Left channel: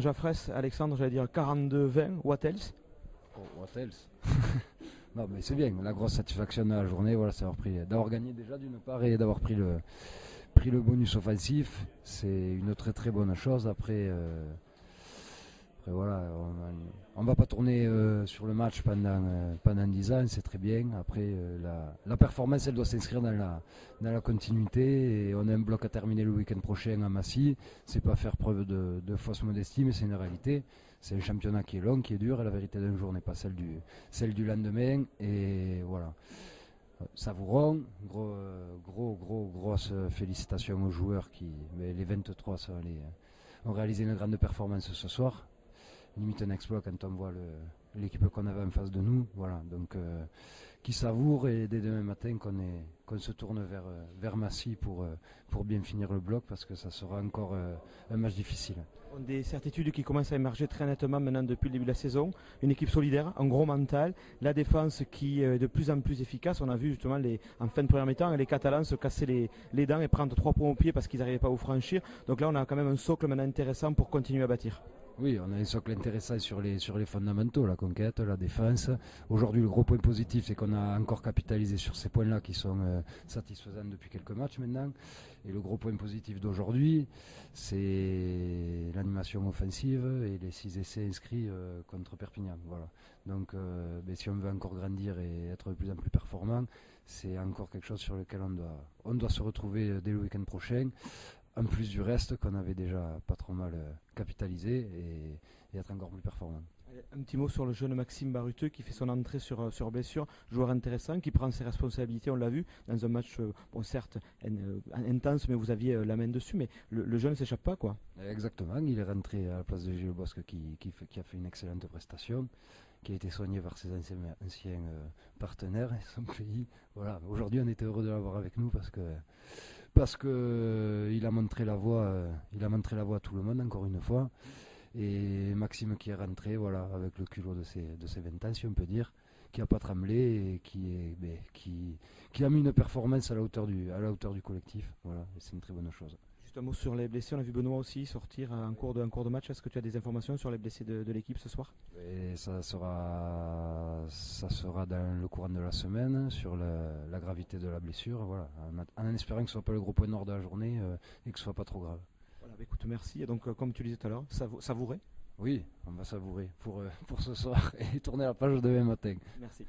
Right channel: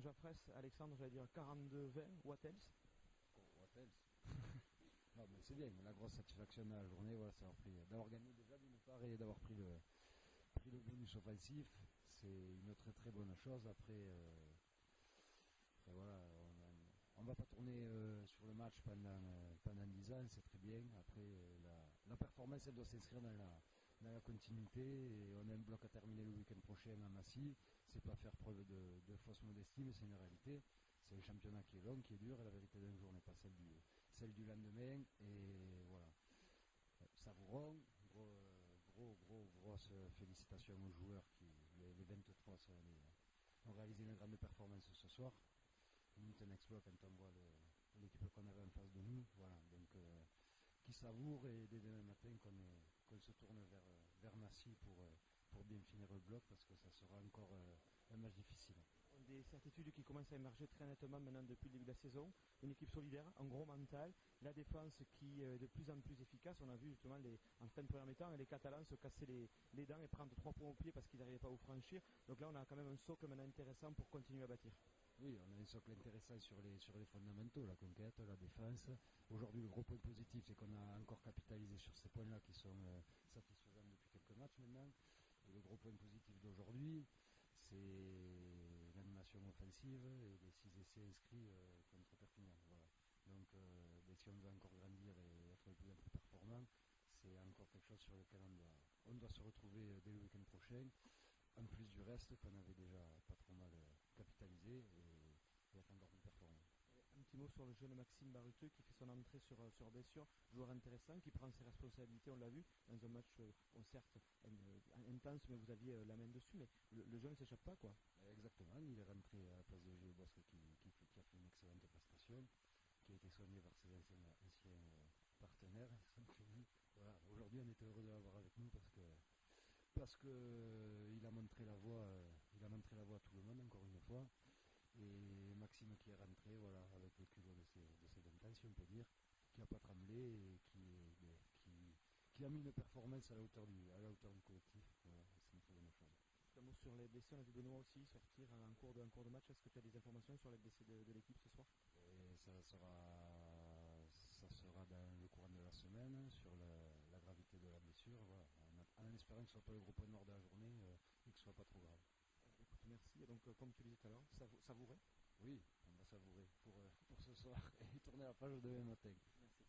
Jaffres, Alexandre, j'allais dire 42-20, what else? Oh, what else? Non, mais c'est bien. La grosse satisfaction de la journée, voilà, c'est d'avoir gagné déjà d'une part et d'avoir pris le bonus offensif. C'est une très très bonne chose. Après, voilà, on va pas tourner sur le match pendant 10 ans, c'est très bien. Après, la performance, elle doit s'inscrire dans la continuité. Et on a un bloc à terminer le week-end prochain à Massy. C'est pas faire preuve de fausse modestie, mais c'est une réalité. C'est un championnat qui est long, qui est dur, et la vérité d'un jour n'est pas celle du lendemain. Et voilà. Savourons, grosse félicitations aux joueurs les 23 ont réalisé une grande performance ce soir. Limite un exploit quand on voit l'équipe qu'on avait en face de nous. Voilà, donc qui savoure, et dès demain matin qu'on se tourne vers Massy pour bien finir le bloc, parce que ça sera encore un match difficile. Des certitudes qui commencent à émerger très nettement maintenant depuis le début de la saison. Une équipe solidaire, un gros mental, la défense qui est de plus en plus efficace. On a vu justement en fin de première mi-temps les Catalans se casser les dents et prendre 3 points au pied parce qu'ils n'arrivaient pas à vous franchir. Donc là on a quand même un socle maintenant intéressant pour continuer à bâtir. Oui, on a un socle intéressant sur les fondamentaux, la conquête, la défense. Aujourd'hui, le gros point positif, c'est qu'on a encore capitalisé sur ces points-là qui sont satisfaisants depuis quelques matchs maintenant. Et le gros point positif d'aujourd'hui, c'est l'animation offensive et les 6 essais inscrits contre Perpignan. Voilà. Donc, si on veut encore grandir et être de plus en plus performant, c'est encore quelque chose sur lequel on doit se retrouver dès le week-end prochain. En plus du reste qu'on avait déjà pas trop mal capitalisé, et être encore plus performant. Un petit mot sur le jeune Maxime Baruteux qui fait son entrée sur blessure, joueur intéressant qui prend ses responsabilités, on l'a vu dans un match certes intense, mais vous aviez la main dessus, mais le jeune ne s'échappe pas, quoi. Exactement, il est rentré à la place de Gilles Bosque qui a fait une excellente prestation, qui a été soigné par ses anciens partenaires et son pays. Voilà, aujourd'hui on était heureux de l'avoir avec nous parce que il a montré la voie à tout le monde encore une fois. Et Maxime qui est rentré, voilà, avec le culot de ses 20 ans, si on peut dire, qui n'a pas tremblé et qui a mis une performance à la hauteur du collectif. Voilà, et c'est une très bonne chose. Juste un mot sur les blessés, on a vu Benoît aussi sortir en cours de match. Est-ce que tu as des informations sur les blessés de l'équipe ce soir? Et ça sera dans le courant de la semaine, sur la gravité de la blessure, voilà, en espérant que ce ne soit pas le gros point noir de la journée et que ce ne soit pas trop grave. Voilà, écoute, merci. Et donc, comme tu disais tout à l'heure, savourer. Oui, on va savourer pour ce soir et tourner la page demain matin. Merci.